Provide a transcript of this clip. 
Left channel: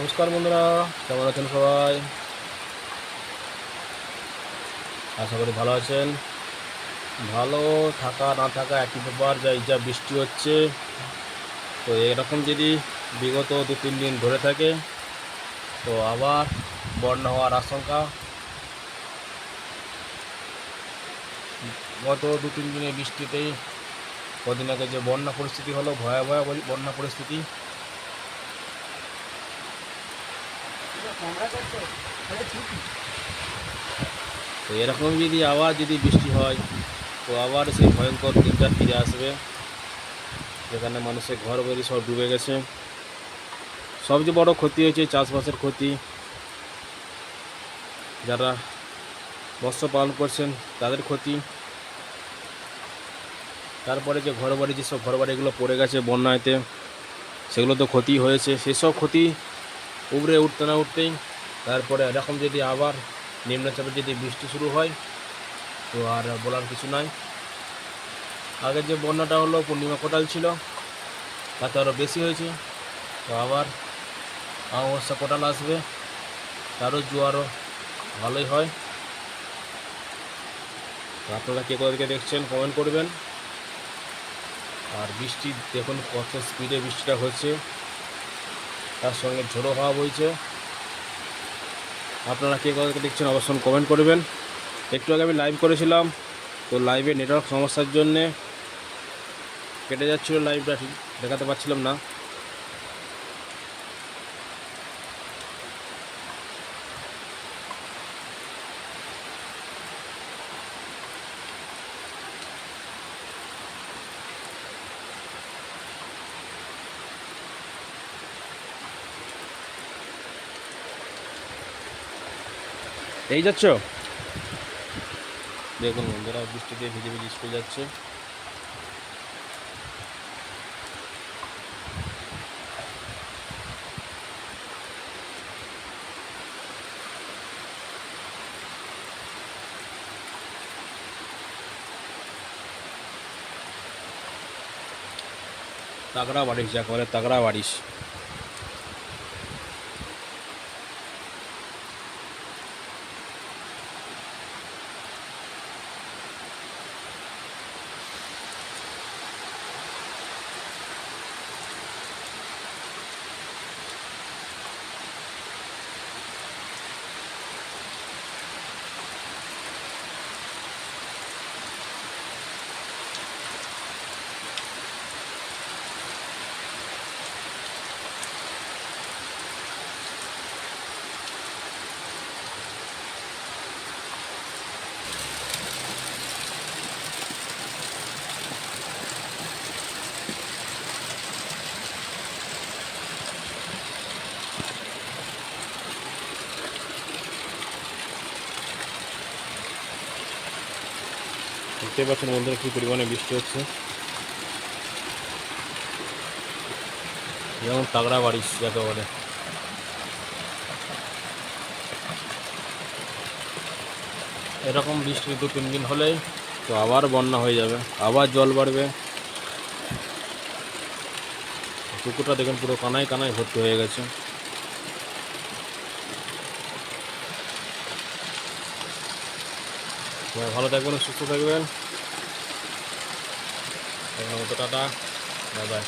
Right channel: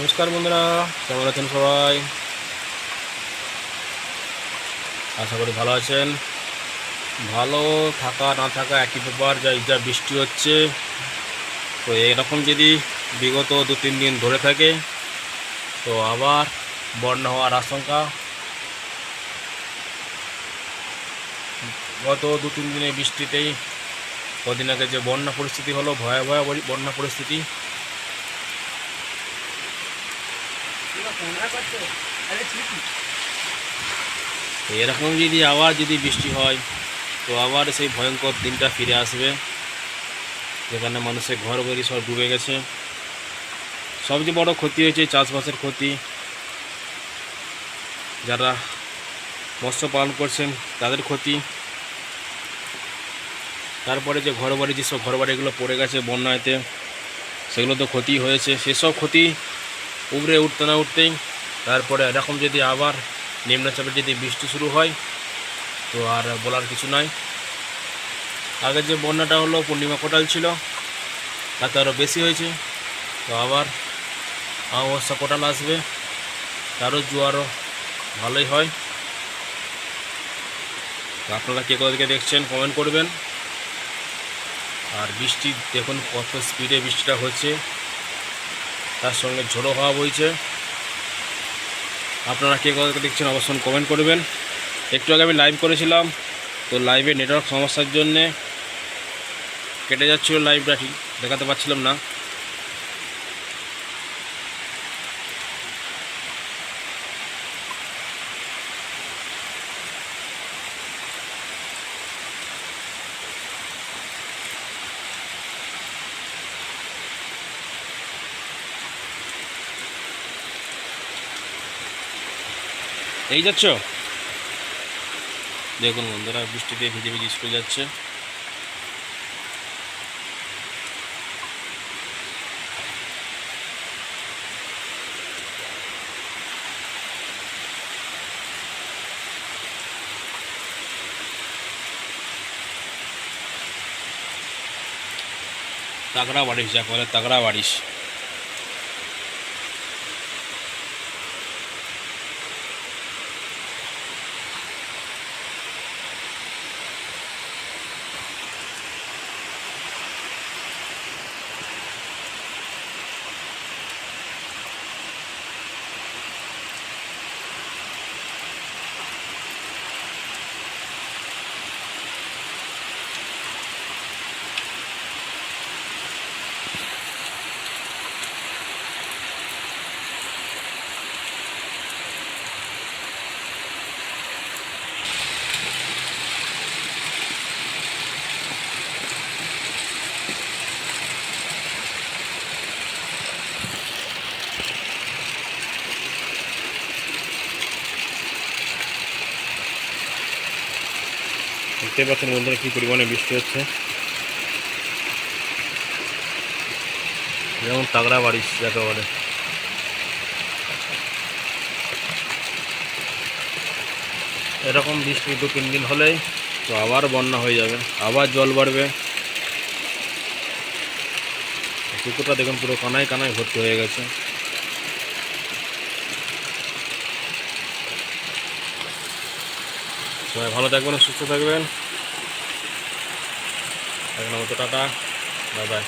নমস্কার বন্ধুরা, কেমন আছেন সবাই? আশা করি ভালো আছেন। ভালো থাকা না থাকা একই ব্যাপার। যা বৃষ্টি হচ্ছে, তো এরকম যদি বিগত 2-3 দিন ধরে থাকে তো আবার বন্যা হওয়ার আশঙ্কা। গত 2-3 দিনের বৃষ্টিতেই কদিন আগে যে বন্যা পরিস্থিতি হলো, ভয়াবহ বন্যা পরিস্থিতি। তো এরকম যদি বৃষ্টি হয় তো আবার সেই ভয়ঙ্কর দিনটা ফিরে আসবে, যেখানে মানুষের ঘর বাড়ি সব ডুবে গেছে। সবচেয়ে বড় ক্ষতি হয়েছে চাষবাসের ক্ষতি। যারা মৎস্য পালন করছেন তাদের ক্ষতি। তারপরে যে ঘরবাড়ি, যেসব ঘরবাড়িগুলো পড়ে গেছে বন্যাতে, সেগুলো তো ক্ষতি হয়েছে। সেসব ক্ষতি উবরে উঠতে না উঠতেই তারপরে এরকম যদি আবার নিম্নচাপের যদি বৃষ্টি শুরু হয় তো আর বলার কিছু নাই। আগে যে বন্যাটা হলো পূর্ণিমা কোটাল ছিল, তাতে আরও বেশি হয়েছে। তো আবার অমাবস্যা কোটাল আসবে, তারও জোয়ারও ভালোই হয়। তো আপনারা কে কোথা থেকে দেখছেন কমেন্ট করবেন। আর বৃষ্টি দেখুন কত স্পিডে বৃষ্টিটা হচ্ছে, তার সঙ্গে ঝোড়ো হাওয়া বইছে। আপনারা কে কোথা থেকে দেখছেন অবশ্যই কমেন্ট করবেন। একটু আগে আমি লাইভ করেছিলাম, তো লাইভে নেটওয়ার্ক সমস্যার জন্যে কেটে যাচ্ছিল লাইভটা, ঠিক দেখাতে পারছিলাম না। এই যাচ্ছ, দেখুন বন্ধুরা বৃষ্টিতে ভিজে ভিজে স্কুল যাচ্ছে। তাগড়া বারিশ, যাকে বলে তাগড়া বারিশ। দেখতে পাচ্ছেন বন্ধুরা কী পরিমাণে বৃষ্টি হচ্ছে, যেমন তাগড়া বারিশ যাকে বলে। এরকম বৃষ্টি 2-3 দিন হলেই তো আবার বন্যা হয়ে যাবে, আবার জল বাড়বে। পুকুরটা দেখুন পুরো কানায় কানায় ভর্তি হয়ে গেছে। সবাই ভালো থাকবেন, সুস্থ থাকবেন। এখন মতো টাটা, বাই বাই।